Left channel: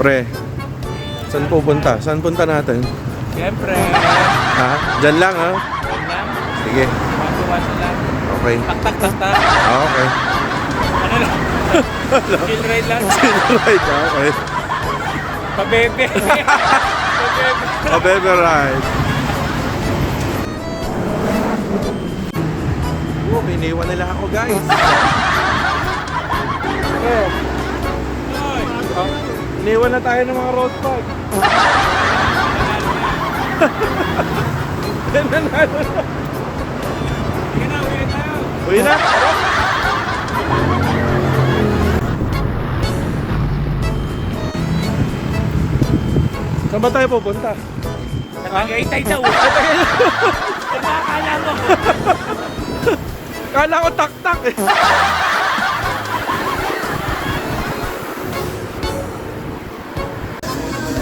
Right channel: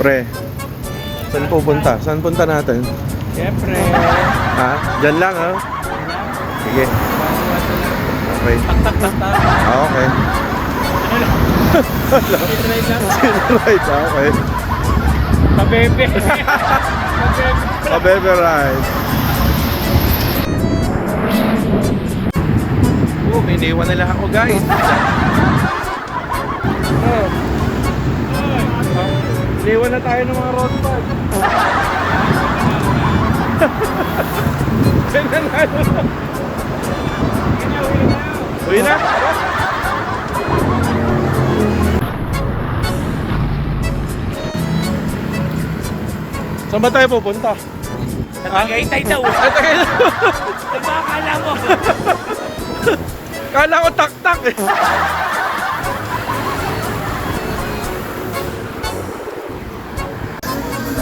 Pre, saan pupunta? Saan punta natin? Siyempre. Ha? Diyan lang ha? Sige. Okay. Tak. Okay. Sinride lang. Right, okay. Pabebe. Pabebe ride. Oh, may iniwan nila ako guys. Oh. Iniwan na tayo ng mga road bike. Uwi na. Saan ba tayo pupunta? Tagaytay daw. Nagkakala mo. Kala ko tak-tak eh.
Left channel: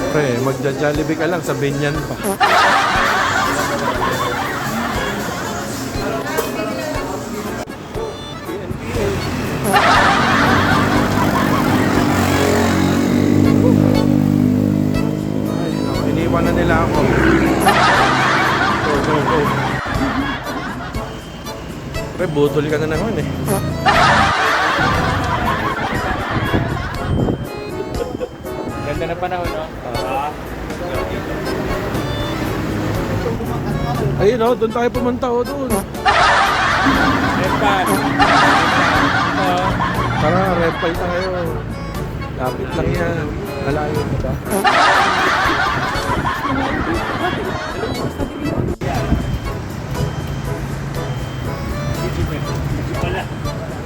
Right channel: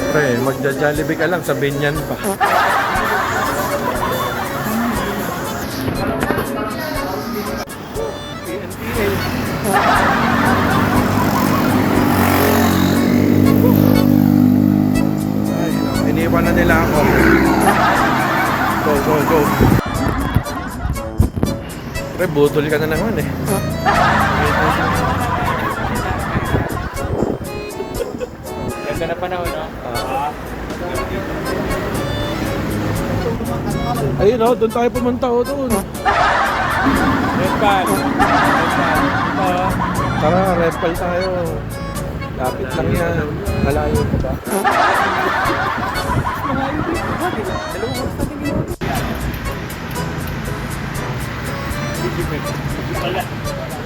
Pre, magja-Jollibee ka lang sa Binyan pa. PNPA. Ay, no, iniwan na nila ako. Go. Pre, butol ka na naman eh. Ganda na panahon, no? Ayun o, doon tayo pumunta o doon. Repal. Ito. Tara, repal tayo. Lapit lang yan. Malayo ka ba?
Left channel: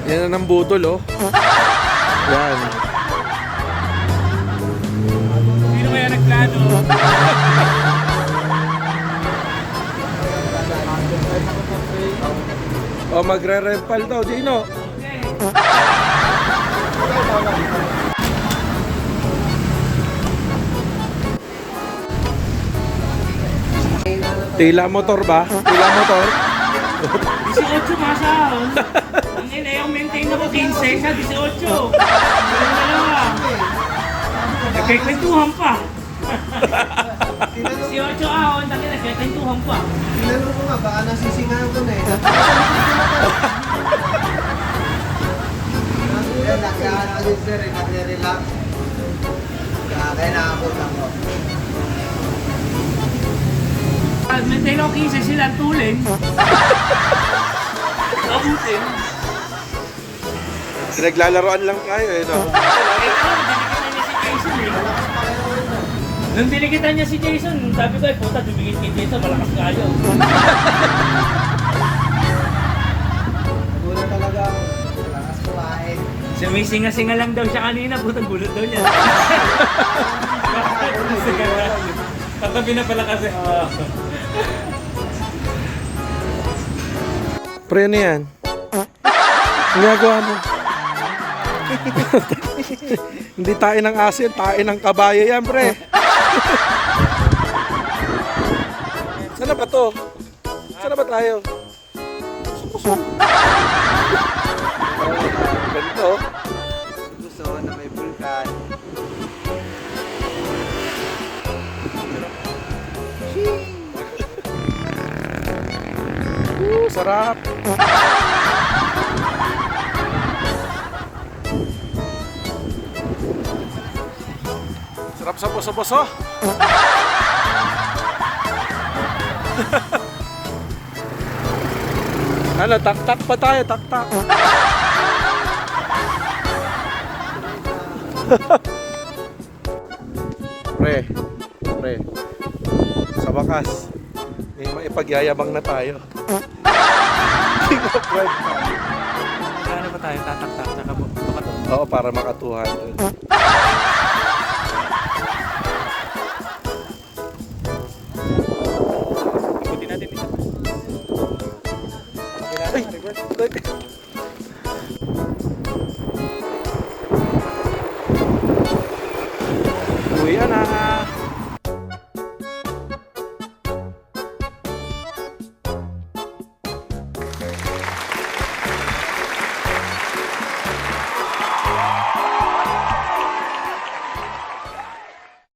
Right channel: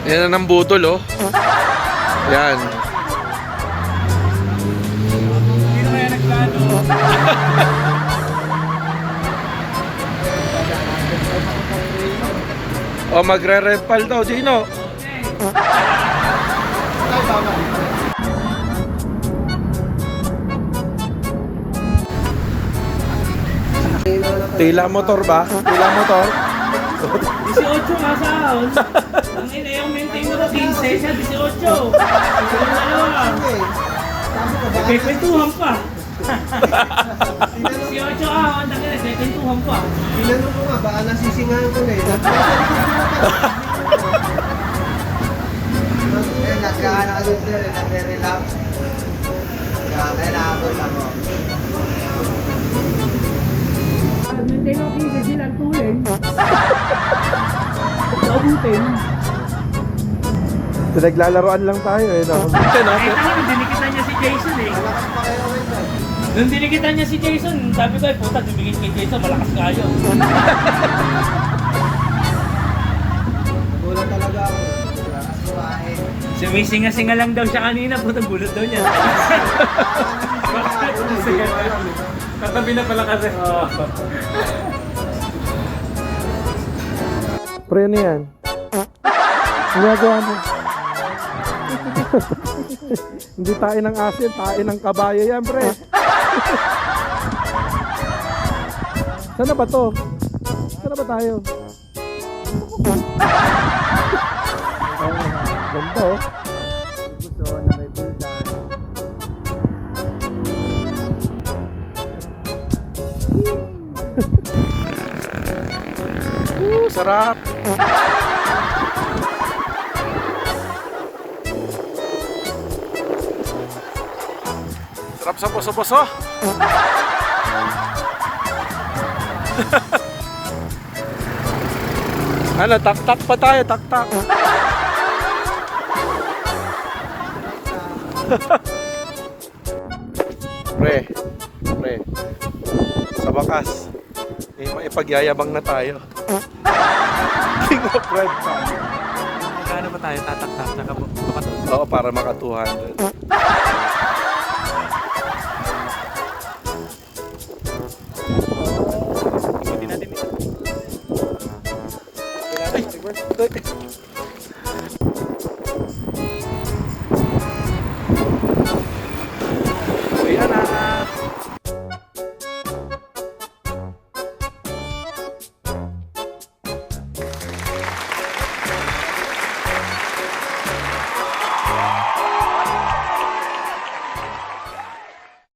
Yan na ng butol oh. Yan. Sino kaya nagplano? O magre-repal daw, Dino. Tila motor ba? Tila motor? 18 nga sa ahon. Ang ina yung maintain ako 15 siya, 18. Yung dalawa. Nagkikwentuhan pa. 18 ahon, ang ina nagkikwentuhan pa. Tinanong ko nga, baka nasisingahan ko na eh. Nagkaano ka dito rin, nagre-relax. Kaya nakapon ako. Maintain ako 15 sila ang tuling. Abutin. Pinaglalaroan lang tayo eh, no? Eh, tama, dinikitan niya si Jason eh. Nung dinikitan niya si Jason, sabi ko, puta, dumikit kay Jason, malakas nga yun. Gulat talaga ako. Mas kumain. Sumisinga-singa lang daw siya kanina, puta, bulot daw niya. Tatabi na pala kasi. Pre, ano yan? Ang gagawa mo? Hindi tayo ng asin, tayo ng kabayo yan, pre. Saan na ba to? Saan na ba tayo? Ganda oh. Gusto na may bulkan. Sarap. Sarap sa puso-puso. Ano, tak-tak pa tayo, tak-tak. Pre, sa wakas, may maipagyayabang na tayo. King of Red Pack. Kano ba tayo tatak-tak? Nakabuto ka to? Oo, para maka 200.